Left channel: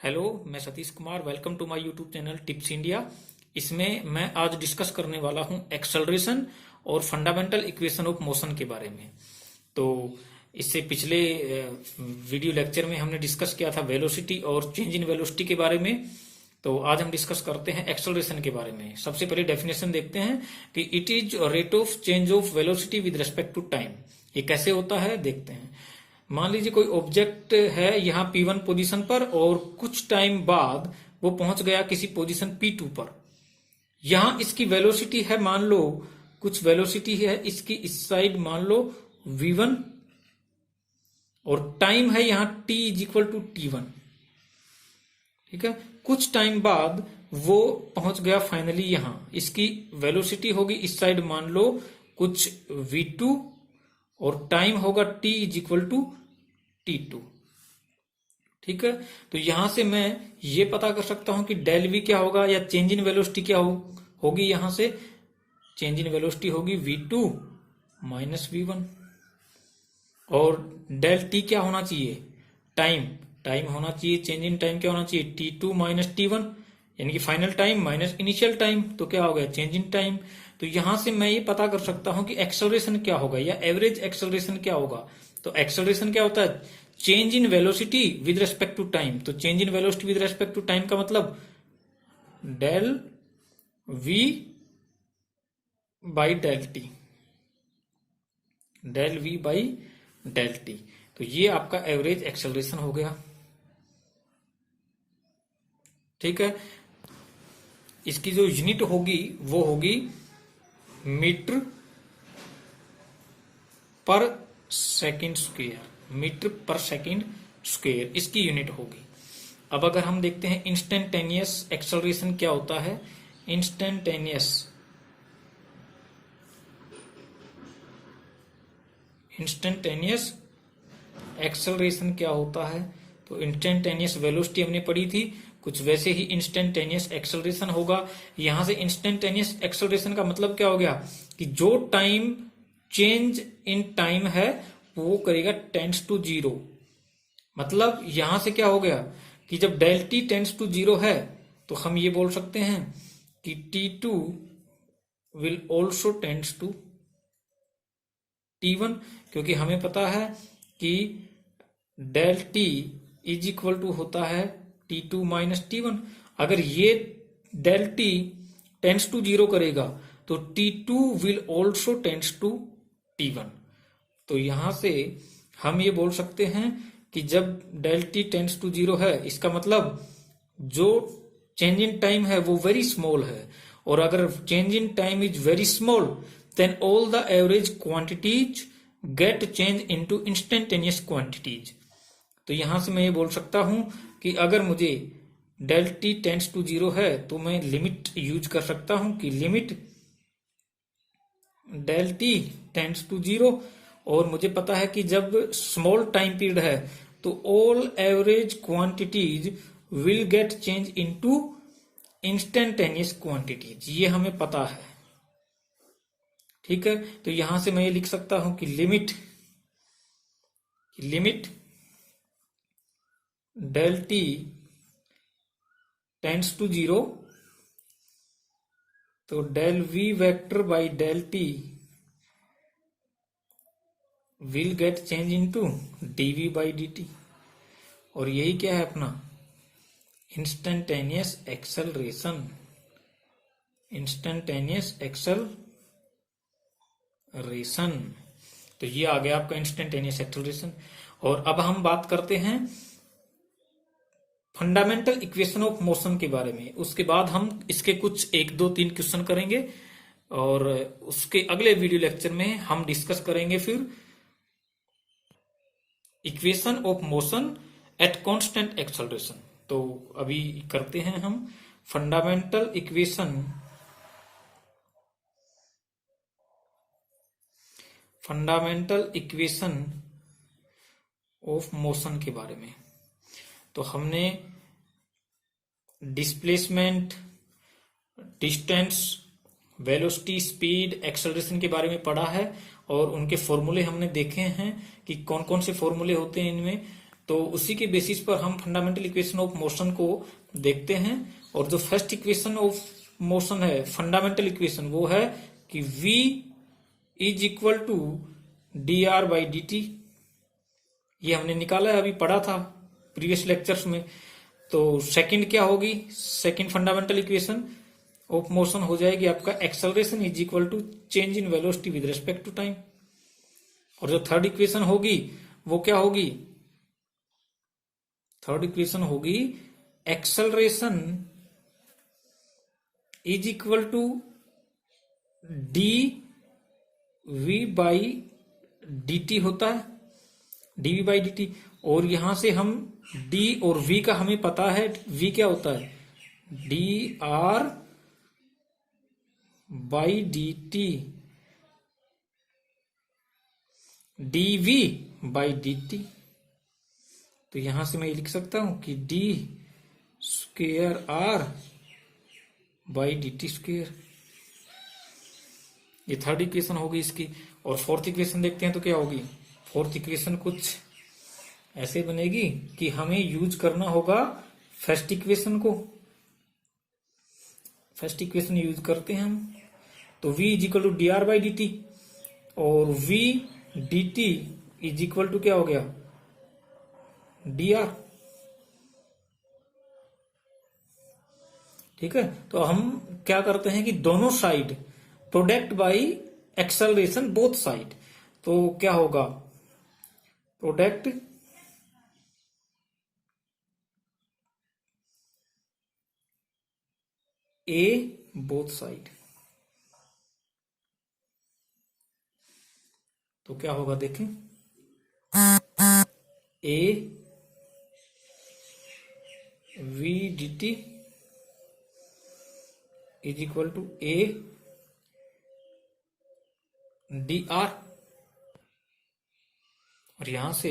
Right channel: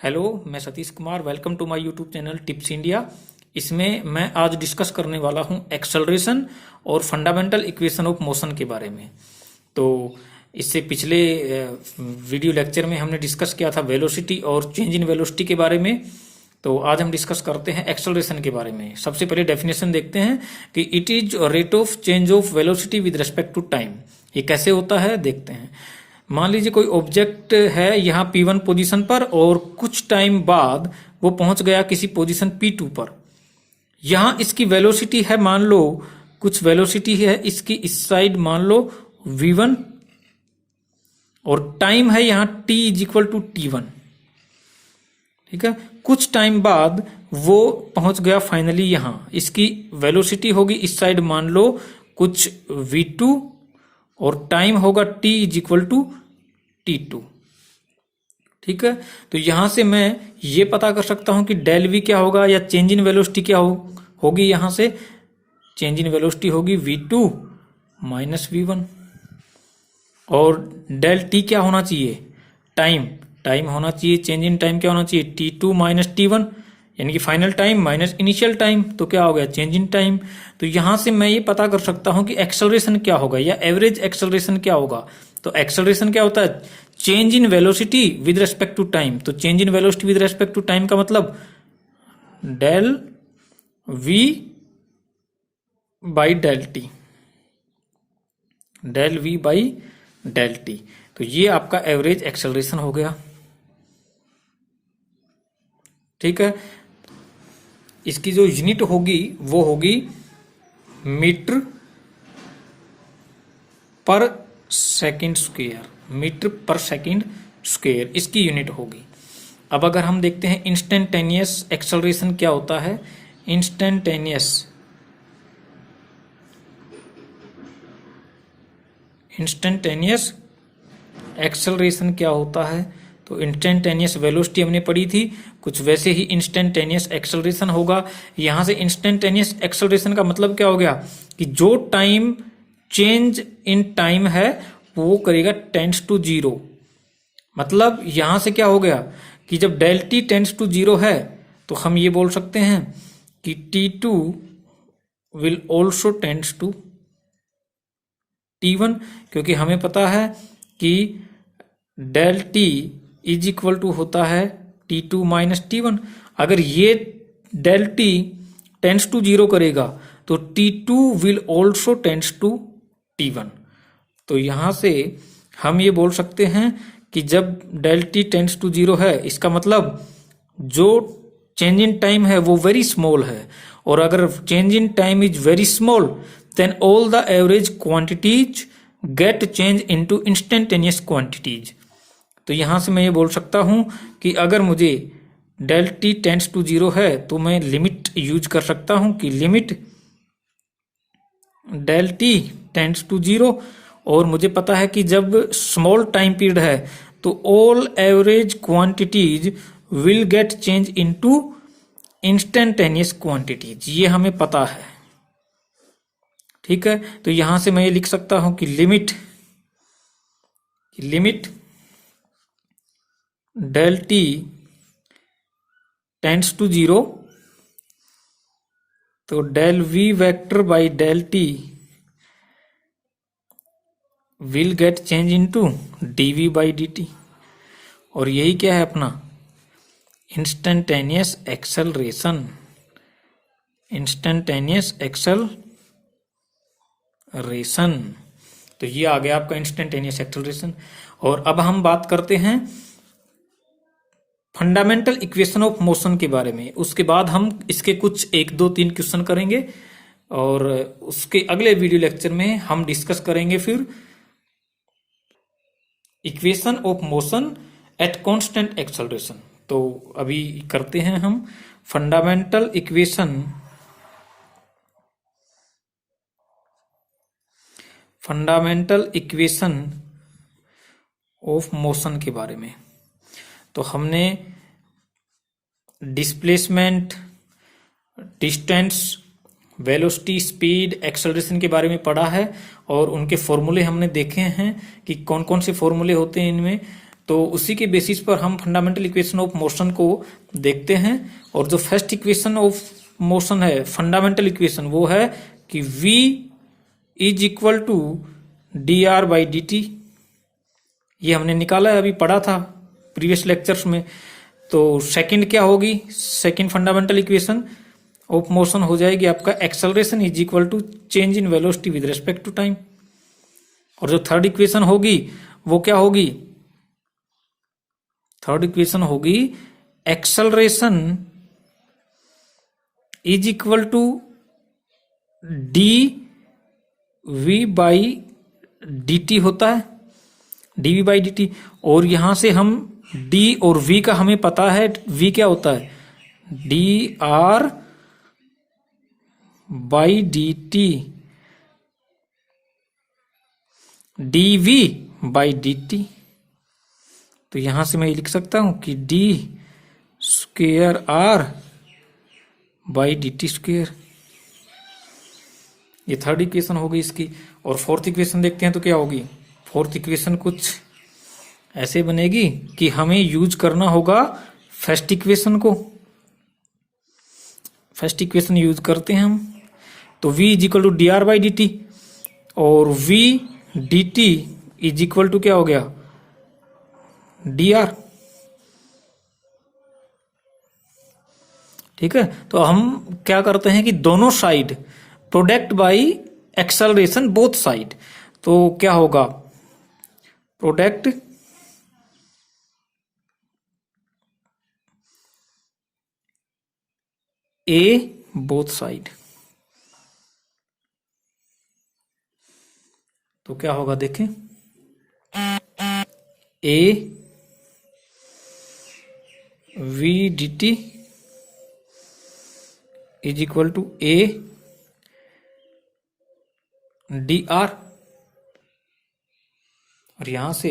Hello, मैं Satish Kumar. Welcome to my YouTube channel tips India. इसमें मैं आज डिस्कस करने वाला हूं एक्सेलरेशन और फंडामेंटल इक्वेशन ऑफ मोशन के बारे में। तो इससे पिछले वीडियो लेक्चर में हमने डिस्कस किया था वेलोसिटी और चेंज इन वेलोसिटी के बारे में। तो आज हम डिस्कस करते हैं एक्सेलरेशन के बारे में। सबसे पहले डेफिनेशन देखते हैं कि it is rate of change of velocity with respect to time. ये कैसे होता है देखते हैं। मान लीजिए कोई ऑब्जेक्ट है यहाँ P1 पोजीशन पर और कुछ टाइम बाद वो पहुंच गया किसी पोजीशन P2 पर। यहां इसकी वेलोसिटी है, मान लो कुछ वेलोसिटी है इसकी इस साइड, मान लो v1, और टाइम है यहाँ t is equal to t1। ठीक है, कुछ टाइम बाद वो पहुंच गया फाइनली यहां, इसकी वेलोसिटी होगी इस साइड मान लो कुछ v2 और टाइम होगा t is equal to t2। ठीक है, तो यहां से मैं ये पता कर सकता हूं कि डेल v क्या होगा या चेंज इन वेलोसिटी क्या होगी। यहां से चेंज इन वेलोसिटी होगी v2 माइनस v1, और डेल t क्या होना चाहिए, टाइम होना चाहिए। चेंज इन टाइम क्या होना चाहिए, t2 माइनस t1, यानी कि final time minus initial time, तो क्या हो गया चेंज इन टाइम। तो यहां से मैं ये पता कर सकता हूं कि एक्सेलरेशन क्या होगा या एवरेज एक्सेलरेशन क्या होगा। तो एक्सेलरेशन क्या होता है, change in velocity with respect to time. तो change in velocity with respect to time का मतलब del v by del T, del v by del T. तो ये आपका एवरेज एक्सेलरेशन हो गया। ठीक है, इसकी जो यूनिट होगी वो होगी मीटर पर सेकंड स्क्वायर, मीटर पर सेकंड स्क्वायर इसकी यूनिट होगी। अब अगर हम देखते हैं इंस्टेंटेनियस एक्सेलरेशन क्या होता है, इंस्टेंटेनियस एक्सेलरेशन क्या होता है। तो इंस्टेंटेनियस वेलोसिटी हमने पढ़ी थी, कुछ वैसे ही इंस्टेंटेनियस एक्सेलरेशन होगा। यहां से इंस्टेंटेनियस एक्सेलरेशन का मतलब क्या हो गया कि जो टाइम चेंज इन टाइम है वो करेगा टेंड्स टू जीरो। मतलब यहां से क्या हो गया कि जब del T tends to zero है तो हम ये बोल सकते हैं कि T2 will also tends to T1, क्योंकि हमें पता है कि del t is equal to होता है T2 माइनस T1। अगर ये del T tends to zero करेगा तो T2 will also tends to T1। तो यहां से हम ये बोल सकते हैं कि जब del T tends to zero है, इसका मतलब जो चेंज इन टाइम है वो वेरी स्मॉल है, और अगर change in time is very small then all the average quantities get change into instantaneous quantities. तो यहां से मैं ये बोल सकता हूं कि अगर मुझे del T tends to zero है तो मैं लिमिट यूज कर सकता हूं कि limit del T tends to zero, और मुझे पता है कि जब स्मॉल टाइम पीरियड है तो all average quantities will get change into instantaneous quantities, ये हमें पता है। ठीक है, तो यहां से मैं ये लिख सकता हूं कि limit del T tends to zero, तो del v vector by del T will get change into dv by dt, और यही क्या है अपना इंस्टेंटेनियस एक्सेलरेशन, तो ये आ गया आपका इंस्टेंटेनियस एक्सेलरेशन। और अब हम बात करते हैं फंडामेंटल इक्वेशन ऑफ मोशन के बारे में। उसके बाद हम इसके कुछ 1 2 3 क्वेश्चन करेंगे, और उसके अगले वीडियो लेक्चर में हम डिस्कस करेंगे फिर equation of motion at constant acceleration. तो अभी करते हैं हम फंडामेंटल इक्वेशन ऑफ मोशन के बारे में। तो हमने displacement, distance, velocity, speed, acceleration के बारे में पढ़ा है, और उनके फॉर्मूले हमने देखे हैं कि कौन कौन से फॉर्मूले होते हैं इनमें। तो उसी के बेसिस पर हम फंडामेंटल इक्वेशन ऑफ मोशन को देखते हैं। और जो फर्स्ट इक्वेशन ऑफ मोशन है, फंडामेंटल इक्वेशन, वो है कि v is equal to d r by d t. ये हमने निकाला है, अभी पढ़ा था प्रीवियस लेक्चर्स में। तो सेकंड क्या होगी, second fundamental equation of motion हो जाएगी आपका acceleration is equal to change in velocity with respect to time. और जो थर्ड इक्वेशन होगी वो क्या होगी, थर्ड इक्वेशन होगी acceleration is equal to d v by d t होता है, d v by d t. और यहां से हम डी और वी का हमें पता है, वी क्या होता है, d r by d t, d v by d t. तो यहां से मैं लिख सकता हूं कि d square r by d t square. ये थर्ड इक्वेशन होगी इसकी। और फोर्थ इक्वेशन देखते हैं तो क्या होगी। फोर्थ इक्वेशन कुछ ऐसे बनेगी कि हमें यूज करना होगा फर्स्ट इक्वेशन को। फर्स्ट इक्वेशन यूज करते हैं हम, तो v is equal to d r by d t, और v d t is equal to क्या हो गया, डी आर। ठीक है, तो हम क्या करते हैं कि दोनों side product by acceleration both side. तो क्या होगा, प्रोडक्ट ए बोथ साइड। तो क्या होगा देखें, a v d t is equal to a d r. और यहां से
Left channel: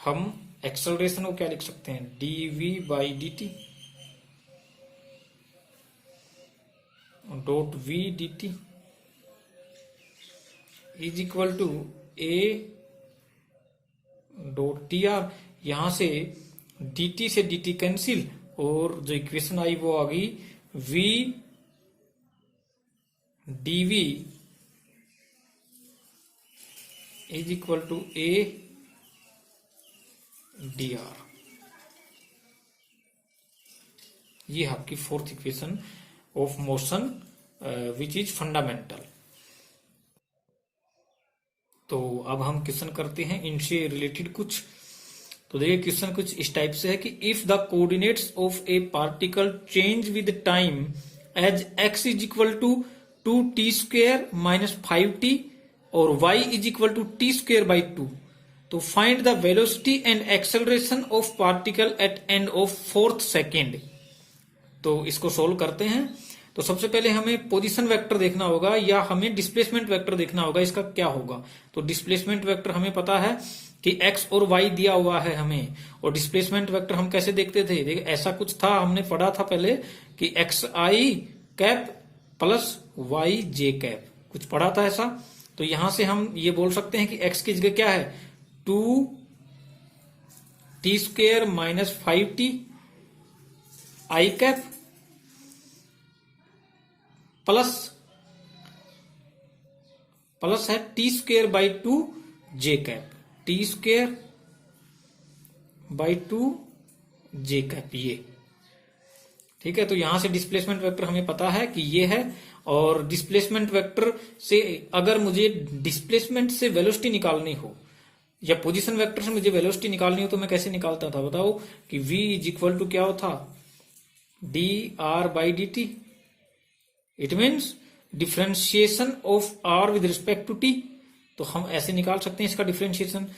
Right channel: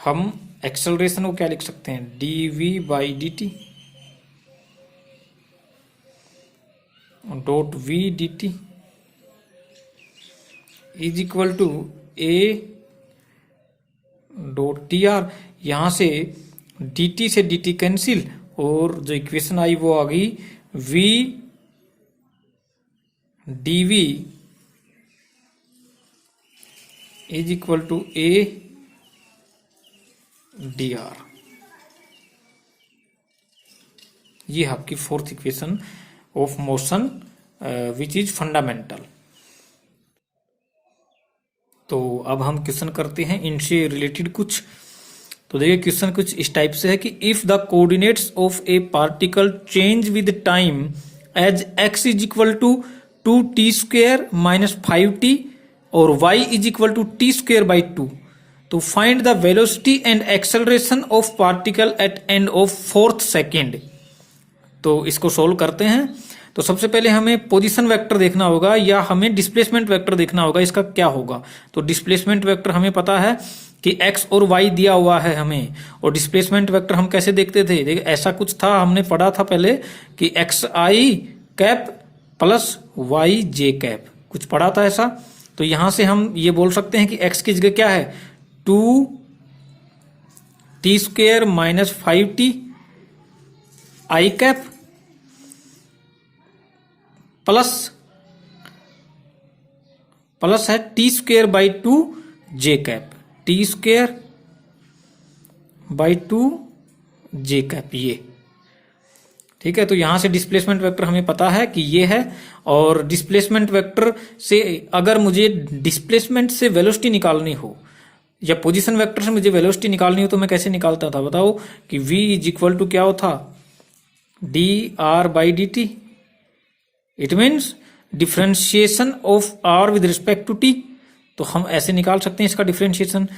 हम एक्सेलरेशन को क्या लिख सकते हैं, d v by d t dot v d t is equal to a dot t r. यहां से डी टी से डी टी कैंसिल, और जो इक्वेशन आई वो आ गई v d v is equal to a d r. ये है आपकी fourth equation of motion which is fundamental. तो अब हम क्वेश्चन करते हैं इनसे रिलेटेड कुछ। तो देखिए क्वेश्चन कुछ इस टाइप से है कि if the coordinates of a particle change with time as x is equal to 2t square minus 5t और y is equal to t square by 2, तो find the velocity and acceleration of particle at end of fourth second. तो इसको solve करते हैं। तो सबसे पहले हमें पोजीशन वेक्टर देखना होगा या हमें डिस्प्लेसमेंट वेक्टर देखना होगा, इसका क्या होगा। तो डिस्प्लेसमेंट वेक्टर हमें पता है कि x और y दिया हुआ है हमें, और डिस्प्लेसमेंट वेक्टर हम कैसे देखते थे, देखिए ऐसा कुछ था, हमने पढ़ा था पहले कि एक्स आई कैप प्लस वाई जे कैप, कुछ पढ़ा था ऐसा। तो यहां से हम ये बोल सकते हैं कि x की जगह क्या है, 2t स्क्वेयर माइनस 5t आई कैप प्लस है T square by 2 j cap, T square by 2 j cap, ये ठीक है। तो यहां से डिस्प्लेसमेंट वेक्टर हमें पता है कि ये है। और डिस्प्लेसमेंट वेक्टर से अगर मुझे डिस्प्लेसमेंट से वेलोसिटी निकालनी हो या पोजीशन वेक्टर से मुझे वेलोसिटी निकालनी हो तो मैं कैसे निकालता था, बताओ कि v इज इक्वल टू क्या होता, d r by d t. It means differentiation of r with respect to t. तो हम ऐसे निकाल सकते हैं इसका differentiation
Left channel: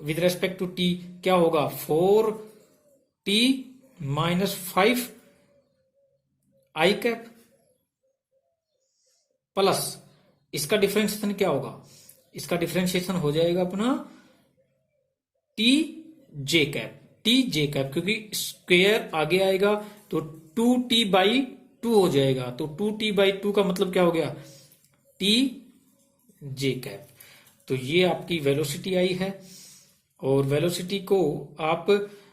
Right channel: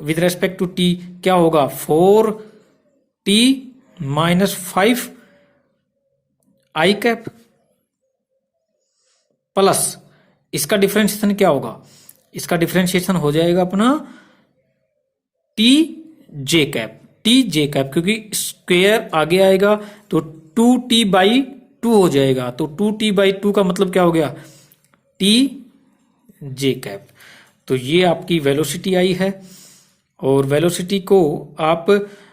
with respect to t, क्या होगा 4t minus 5 i cap plus इसका डिफ्रेंशिएशन क्या होगा, इसका डिफ्रेंशिएशन हो जाएगा अपना t j cap, t j cap, क्योंकि स्क्वेयर आगे आएगा तो 2t बाई 2 हो जाएगा। तो 2t बाई 2 का मतलब क्या हो गया, टी जे कैप। तो ये आपकी वेलोसिटी आई है। और वेलोसिटी को आप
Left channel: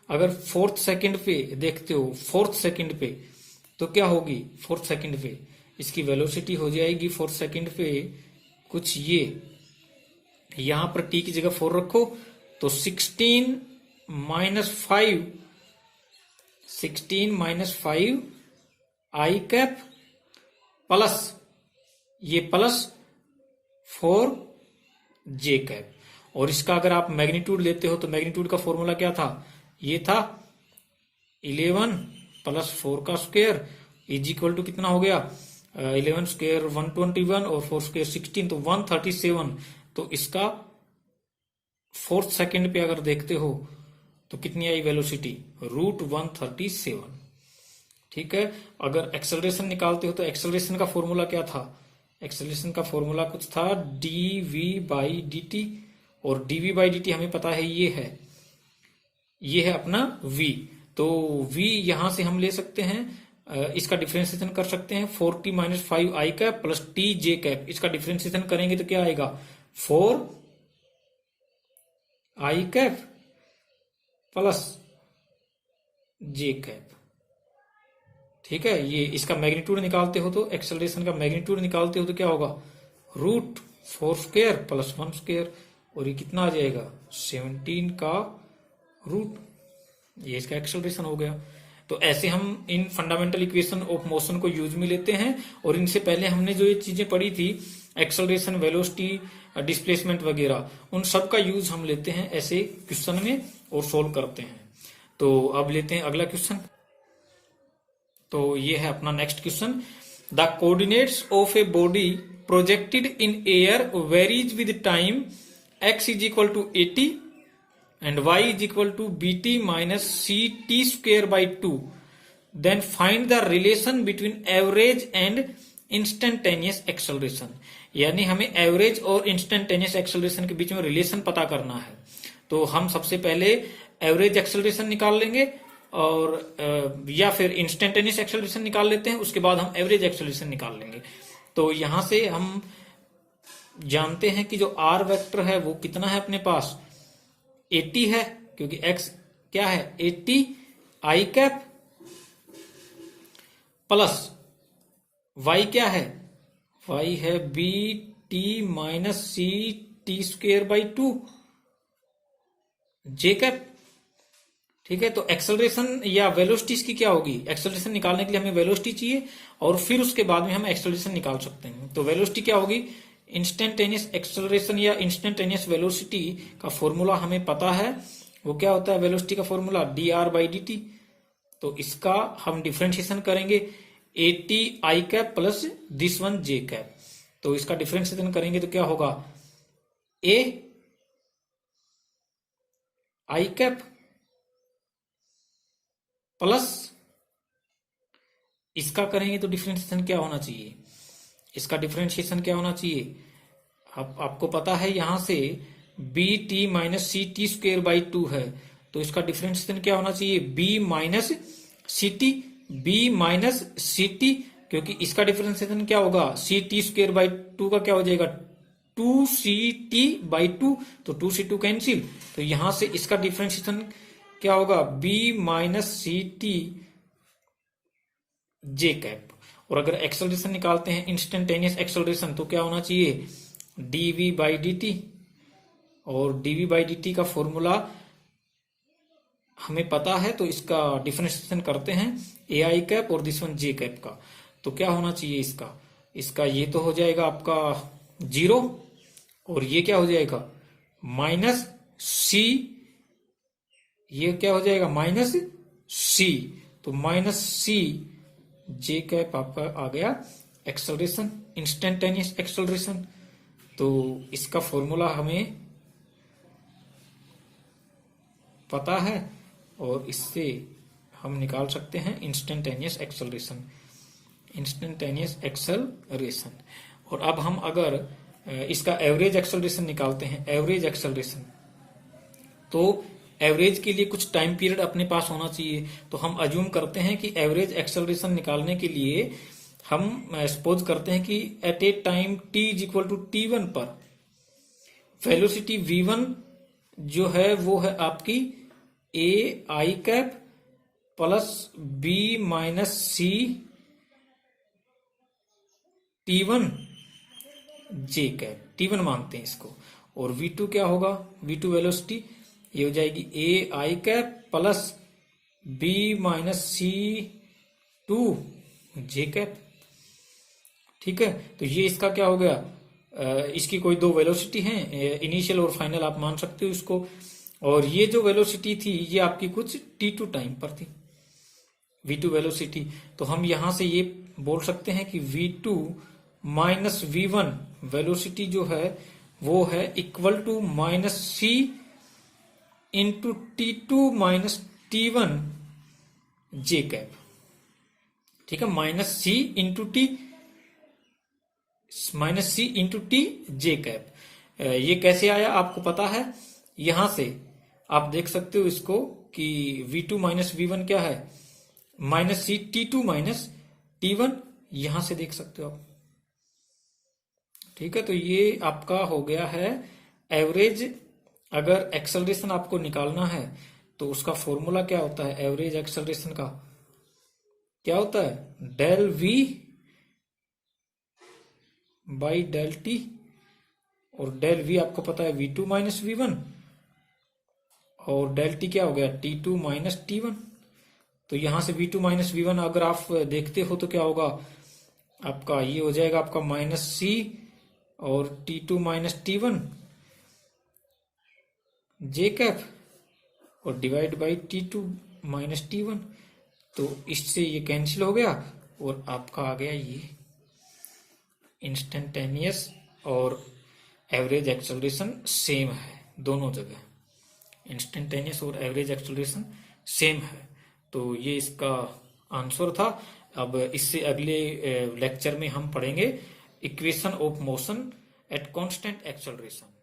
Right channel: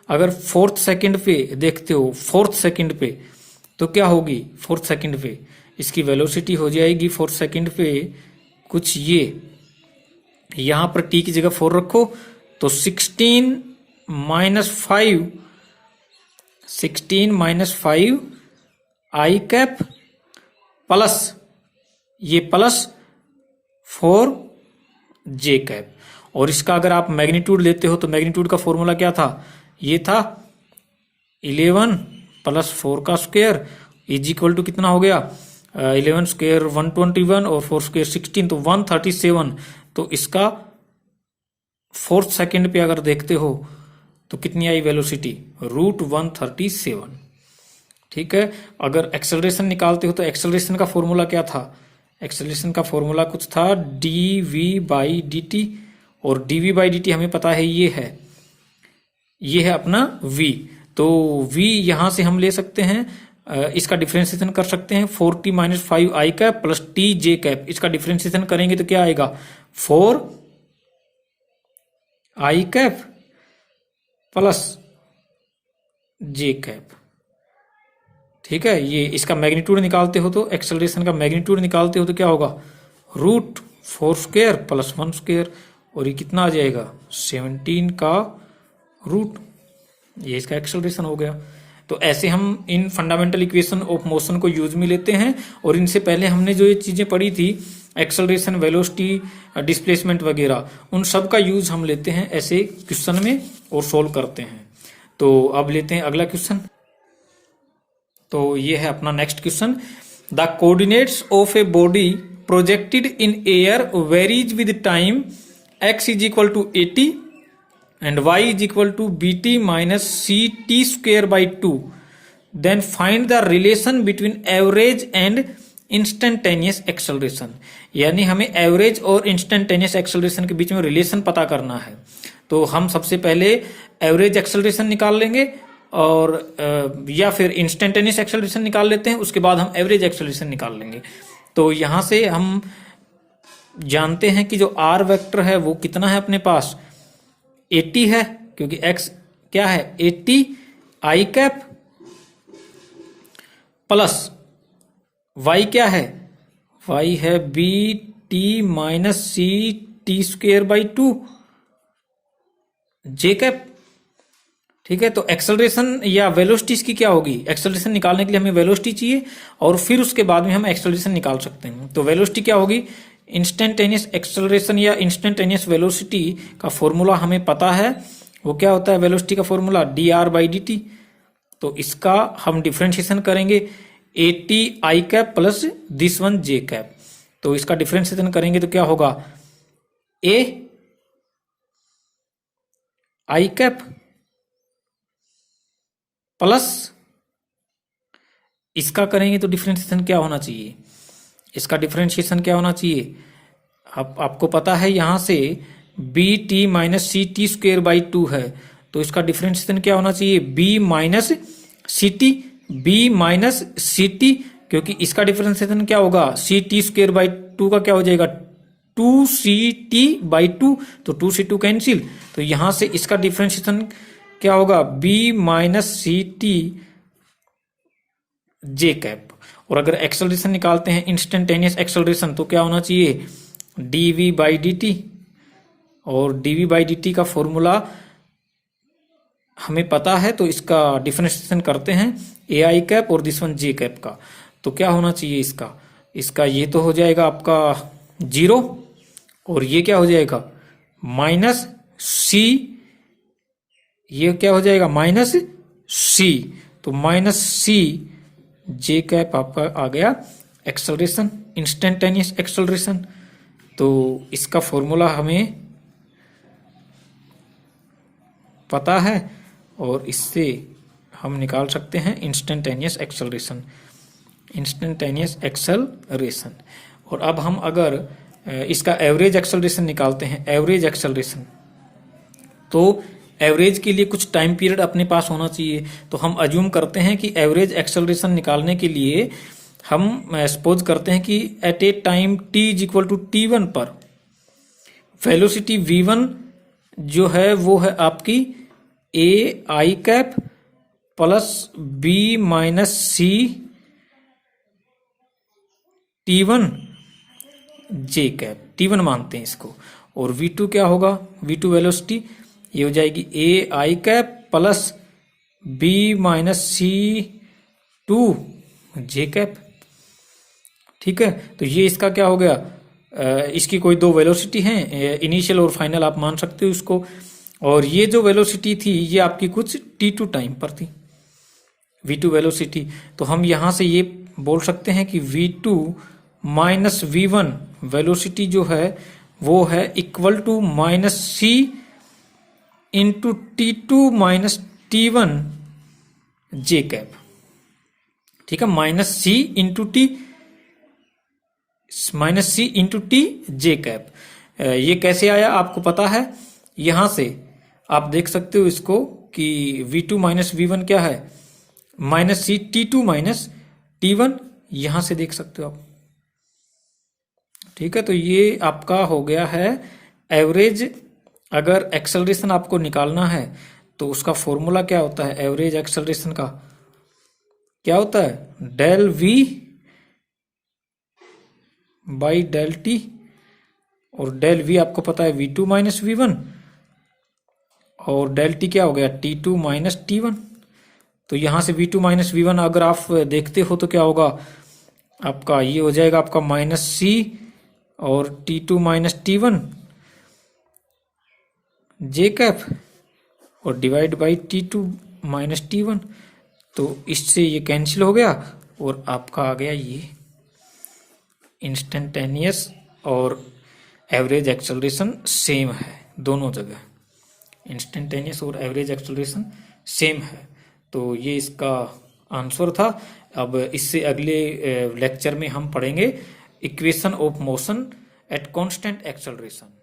अगर फोर्थ सेकंड पे देखते हो, फोर्थ सेकंड पे, तो क्या होगी फोर्थ सेकंड पे? इसकी वेलोसिटी हो जाएगी फोर्थ सेकंड पे कुछ ये, यहां पर टी की जगह 4 रखो तो 16 माइनस 5 आई कैप प्लस ये प्लस 4 जे कैप। और इसका अगर आप मैग्नीट्यूड लेते हो तो मैग्नीट्यूड का फॉर्मूला क्या था? ये था 11 प्लस 4 का स्क्वायर इज इक्वल टू कितना हो गया? 11 स्क्वायर 121 और 4 स्क्वायर 16, तो 137। तो इसका फोर्थ सेकंड पे अगर देखते हो तो कितनी आई वेलोसिटी? √137। ठीक है। अगर एक्सेलरेशन निकालते हो तो एक्सेलरेशन का फॉर्मूला क्या था? एक्सेलरेशन का फॉर्मूला कुछ था dv/dt, और dv/dt हमें पता है ये है अपना v। तो v यहां से हम ले सकते हैं, इसका डिफरेंशिएशन कर सकते हैं 4t - 5 i cap plus T j cap. इसका डिफरेंशिएशन करेंगे तो क्या आएगा? 4 आई कैप प्लस जे कैप। ठीक है। ये इसका मैग्नीट्यूड निकालते हो तो एक्सेलरेशन का मैग्नीट्यूड निकालते हो तो क्या होगा? √4 स्क्वायर प्लस 1 स्क्वायर, और ये कितना आ जाएगा? 17 का रूट। ये इसका एक्सेलरेशन हो गया। तो ऐसे हम इन फंडामेंटल इक्वेशन ऑफ मोशन को यूज में लेते हैं। और इनसे पहले हमने जो ये चीजें पढ़ी थी, एक्सेलरेशन, वेलोसिटी, डिस्प्लेसमेंट वगैरह, उन सब का यूज हम लेते हैं ऐसे क्वेश्चन में और सोल्व करते हैं। तो अब लेते हैं अगला क्वेश्चन। तो ये है अपना next question. The coordinates of a body projected in air varies with time, x is equal to 80 and y is equal to bt minus ct square by 2. Then find the relation between average and instantaneous acceleration. यानी हमें average और instantaneous acceleration के बीच में relation पता करना है। तो हम सबसे पहले एवरेज एक्सेलरेशन निकाल लेंगे और या फिर इंस्टेंटेनियस एक्सेलरेशन निकाल लेते हैं, उसके बाद हम एवरेज एक्सेलरेशन निकाल लेंगे। तो यहां से हम जानते हैं कि जो r वेक्टर है वो कितना है अपने पास? 80 है, क्योंकि x क्या है? 80 आई कैप प्लस y क्या है? y है bt minus c t square by 2 j cap. ठीक है। तो एक्सेलरेशन या वेलोसिटी इसकी क्या होगी? एक्सेलरेशन निकालने के लिए हमें वेलोसिटी चाहिए और फिर उसके बाद में हम एक्सेलरेशन निकाल सकते हैं। तो वेलोसिटी क्या होगी? इंस्टेंटेनियस एक्सेलरेशन या इंस्टेंटेनियस वेलोसिटी का फॉर्मूला हमें पता है। वो क्या होता है वेलोसिटी का फॉर्मूला? dr/dt। तो इसका हम डिफरेंशिएशन करेंगे 80 I cap plus this one J cap. तो इसका डिफरेंशिएशन करेंगे तो क्या होगा? a आई कैप प्लस, इसका करेंगे तो डिफरेंशिएशन क्या होना चाहिए? इसका डिफरेंशिएशन क्या होना चाहिए? आपको पता है यहां से bt minus c t square by 2 है, तो इसका डिफरेंशिएशन क्या होना चाहिए? b माइनस सी टी, क्योंकि इसका डिफरेंशिएशन क्या होगा? सी टी स्क्वेयर बाई 2 का क्या हो जाएगा? 2ct/2, तो 2 से 2 कैंसिल। तो यहां से इसका डिफरेंशिएशन क्या होगा? b minus c T j cap. और अगर एक्सेलरेशन निकालते हैं इंस्टेंटेनियस एक्सेलरेशन तो क्या होना चाहिए? dv/dt, और dv/dt का फॉर्मूला हमें पता है, तो इसका डिफरेंशिएशन करते हैं ए आई कैप और दिस वन जे कैप का। तो क्या होना चाहिए इसका ये तो हो जाएगा आपका 0, और ये क्या हो जाएगा? माइनस सी, ये क्या हो जाएगा? माइनस सी। तो माइनस सी जे कैप आपका आ गया एक्सेलरेशन, इंस्टेंटेनियस एक्सेलरेशन। तो इसका फॉर्मूला हमें पता है और इससे हम निकाल सकते हैं इंस्टेंटेनियस एक्सेलरेशन, और अब हम अगर इसका एवरेज एक्सेलरेशन निकालते हैं, एवरेज एक्सेलरेशन, तो एवरेज के लिए कुछ टाइम पीरियड अपने पास होना चाहिए। तो हम अज्यूम करते हैं कि एवरेज एक्सेलरेशन निकालने के लिए हम सपोज करते हैं कि at a time t is equal to t1 पर वेलोसिटी v1 जो है वो है आपकी a i cap plus b minus c T1 j cap, T1 मानते हैं इसको। और V2 क्या होगा, V2 वेलोसिटी ये हो जाएगी ए i cap plus b minus C 2 j cap. ठीक है, तो ये इसका क्या हो गया, इसकी कोई दो वेलोसिटी हैं, इनिशियल और फाइनल आप मान सकते हो इसको। और ये जो वेलोसिटी थी ये आपकी कुछ T2 टाइम पर थी, V2 वेलोसिटी। तो हम यहां से ये बोल सकते हैं कि V2 माइनस V1 वेलोसिटी जो है वो है equal to minus c into T2 minus T1 j cap. ठीक है, minus c into t j cap. ये कैसे आया आपको पता है, यहां से आप देख सकते हो इसको कि V2 माइनस V1 क्या है, माइनस सी T2 माइनस T1, यहां से देख सकते हो आप। ठीक है, तो ये आपका हो गया है एवरेज। अगर एक्सेलरेशन आपको निकालना है तो उसका फॉर्मूला क्या होता है, एवरेज एक्सेलरेशन का क्या होता है, del V by del t. और डेल V आपको पता है V2 माइनस V1, और डेल टी क्या हो गया T2 माइनस T1। तो यहां से V2 माइनस V1 अगर आप देखते हो तो क्या होगा आपका, ये हो जाएगा आपका माइनस सी और T2 minus T1 j cap और divide by T2 minus T1। तो इससे ये कैंसिल हो गया और आपका आ गया ये इंस्टेंटेनियस और एवरेज एक्सेलरेशन सेम है दोनों जगह, इंस्टेंटेनियस और एवरेज एक्सेलरेशन सेम है। तो ये इसका आंसर था। अब इससे अगले लेक्चर में हम पढ़ेंगे equation of motion at constant acceleration.